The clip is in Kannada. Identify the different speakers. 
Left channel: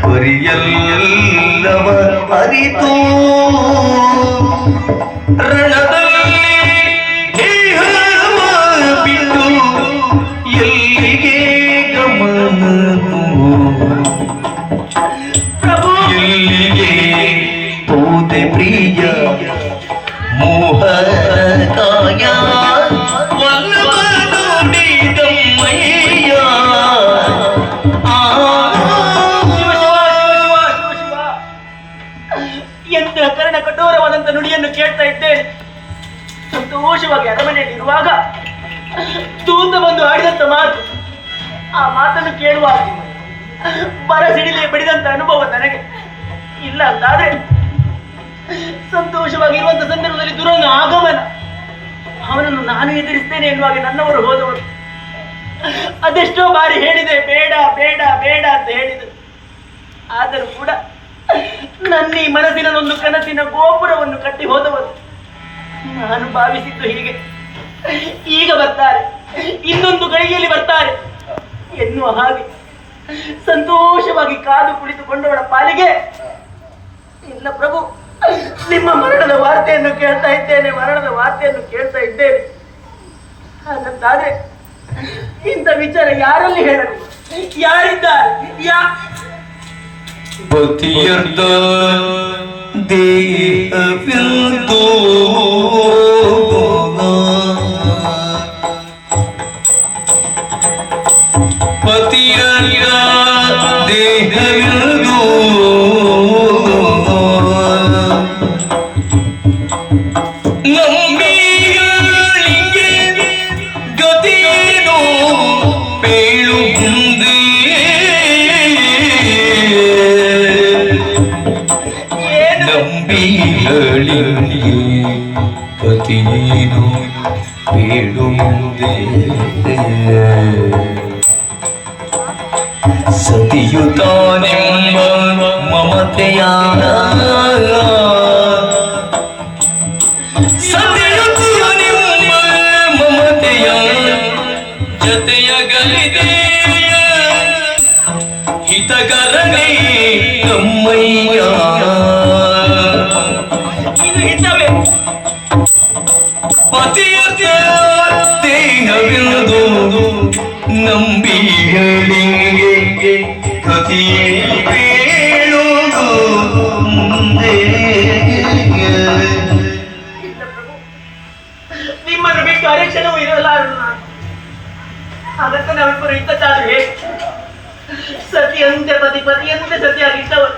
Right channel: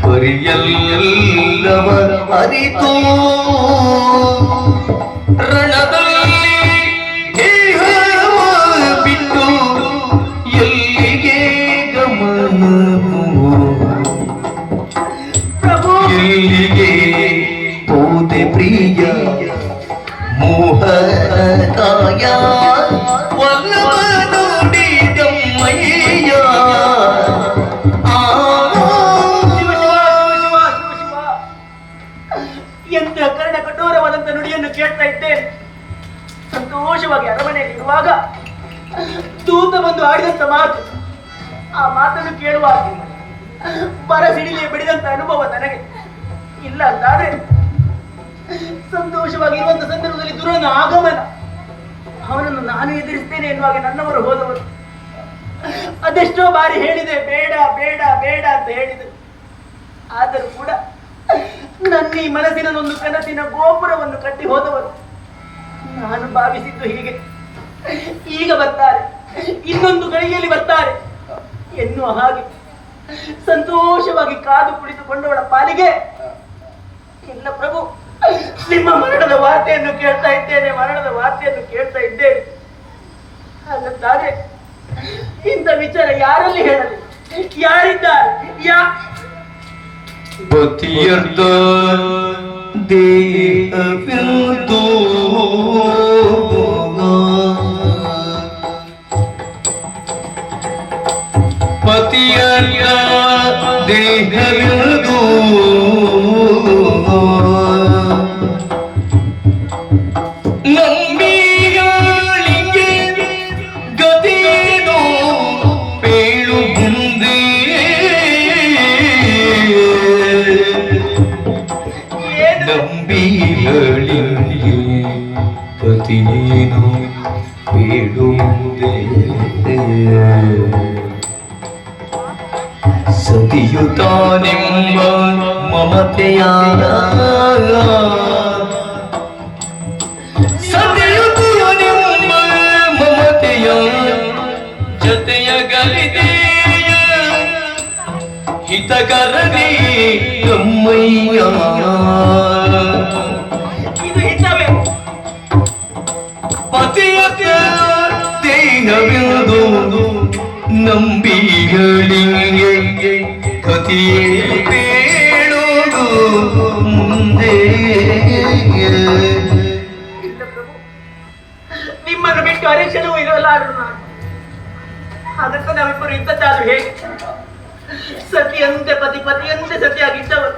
Speaker 1: பொரியல்லவர் அறிதோ ரணதம் ಕರ್ಣ ಕಠೋರವಾದಂತ ನುಡಿಯನ್ನು ಕೇಳ್ತಾ ಇದ್ದೇನೆ. ಸಂತೋಷವಾಗಿ ಅರಮನೆಯಲ್ಲಿ ಇರುವಾಗ ದೂತ ಬಂದು ಆಡಿದಂತ ಮಾತು. ಆ ಮಾತನ್ನು ಕೇಳುವಾಗ ಬರ ಸಿಡಿಲಿ ಬಡಿದಂತ ಅನುಭವ ನನಗೆ. ಇಲ್ಲ ಅಂತಾದ್ರೆ ಸಂತೋಷವಾಗಿರುವಂತ ಸಂದರ್ಭದಲ್ಲಿ ದುರನ ಆಗಮನ. ಅವನನ್ನು ನಾನು ಎದುರಿಸ್ತೇನೆ ಎನ್ನುವಾಗ ನನ್ನವರು ಹೋದವರು. ಅದೆಷ್ಟೋ ಬಾರಿ ಹೇಳಿದೆ, ಬೇಡ ಬೇಡ ಬೇಡ ಅಂತ ಹೇಳಿದೆ ಆದರೂ ಕೂಡ ನನ್ನ ಮನಸ್ಸಿನ ಒಂದು ಕನಸಿನ ಗೋಪುರವನ್ನು ಕಟ್ಟಿ ಹೋದವರು. ನಾನು ಭಾವಿಸಿದ್ದು ಹೀಗೆ. ಈಗ ಬರ್ತಾರೆ. ಇನ್ನೊಂದು ಗಳಿಗೆಯಲ್ಲಿ ಬರ್ತಾರೆ. ಎನ್ನುವ ಹಾಗೆ ಸಂತೋಷವಾಗಿ ಕಾದು ಕುಳಿತುಕೊಂಡವಳ ಪಾಲಿಗೆ, ಇಲ್ಲ ಪ್ರಭು, ನಿಮ್ಮ ಮರಣದ ವಾರ್ತೆಯನ್ನು ಕೇಳ್ತಾ ಇದ್ದೇನೆ, ಮರಣದ ವಾರ್ತೆಯನ್ನು ಕೇಳ್ತಾ ಇದ್ದೇನೆ. ಹಾಗಂತಾದ್ರೆ ಇಂಥ ವಿಚಾರ ಯಾರಲ್ಲಿ ಹೇಳಲಿ? ಯಾರಿದ್ದಾರೆ?
Speaker 2: Butyarda deha vildo bhoga Butyarda ಗತಿಯೇನು ಬೇಡು ಮುಂದೆ. ಸತಿಯುತಾನೆಂಬ ಮಮತೆಯ ಸತಿಯುತಾನೆಂಬ ಮಮತೆಯ ಜತೆಯ ಗಲಿದೆಯ ಹಿತಕರಣೆ ತಮ್ಮಯ್ಯ
Speaker 1: ಇದು ಹಿತವೇ
Speaker 2: ಪತಿಯ ದೇಹವಿರುವುದು ನಂಬಿಗಳಿಗೆ ಕತಿಯೇ ಬೇಡೋದು ಮುಂದೆ.
Speaker 1: ನಿಮ್ಮನ್ನು ಬಿಟ್ಟು ಅರಿಕ್ಷಣವೂ ಇರಲಾರದು ನಾನು. ಅದಕ್ಕೆ ನಾವಿಬ್ಬರು ಇದ್ದದ್ದಾದ್ರೆ ಹೇಳಿ ಸತಿಯಂತೆ ಪತಿ ಪತಿಯಂತೆ ಸತಿಯಾಗಿದ್ದವರು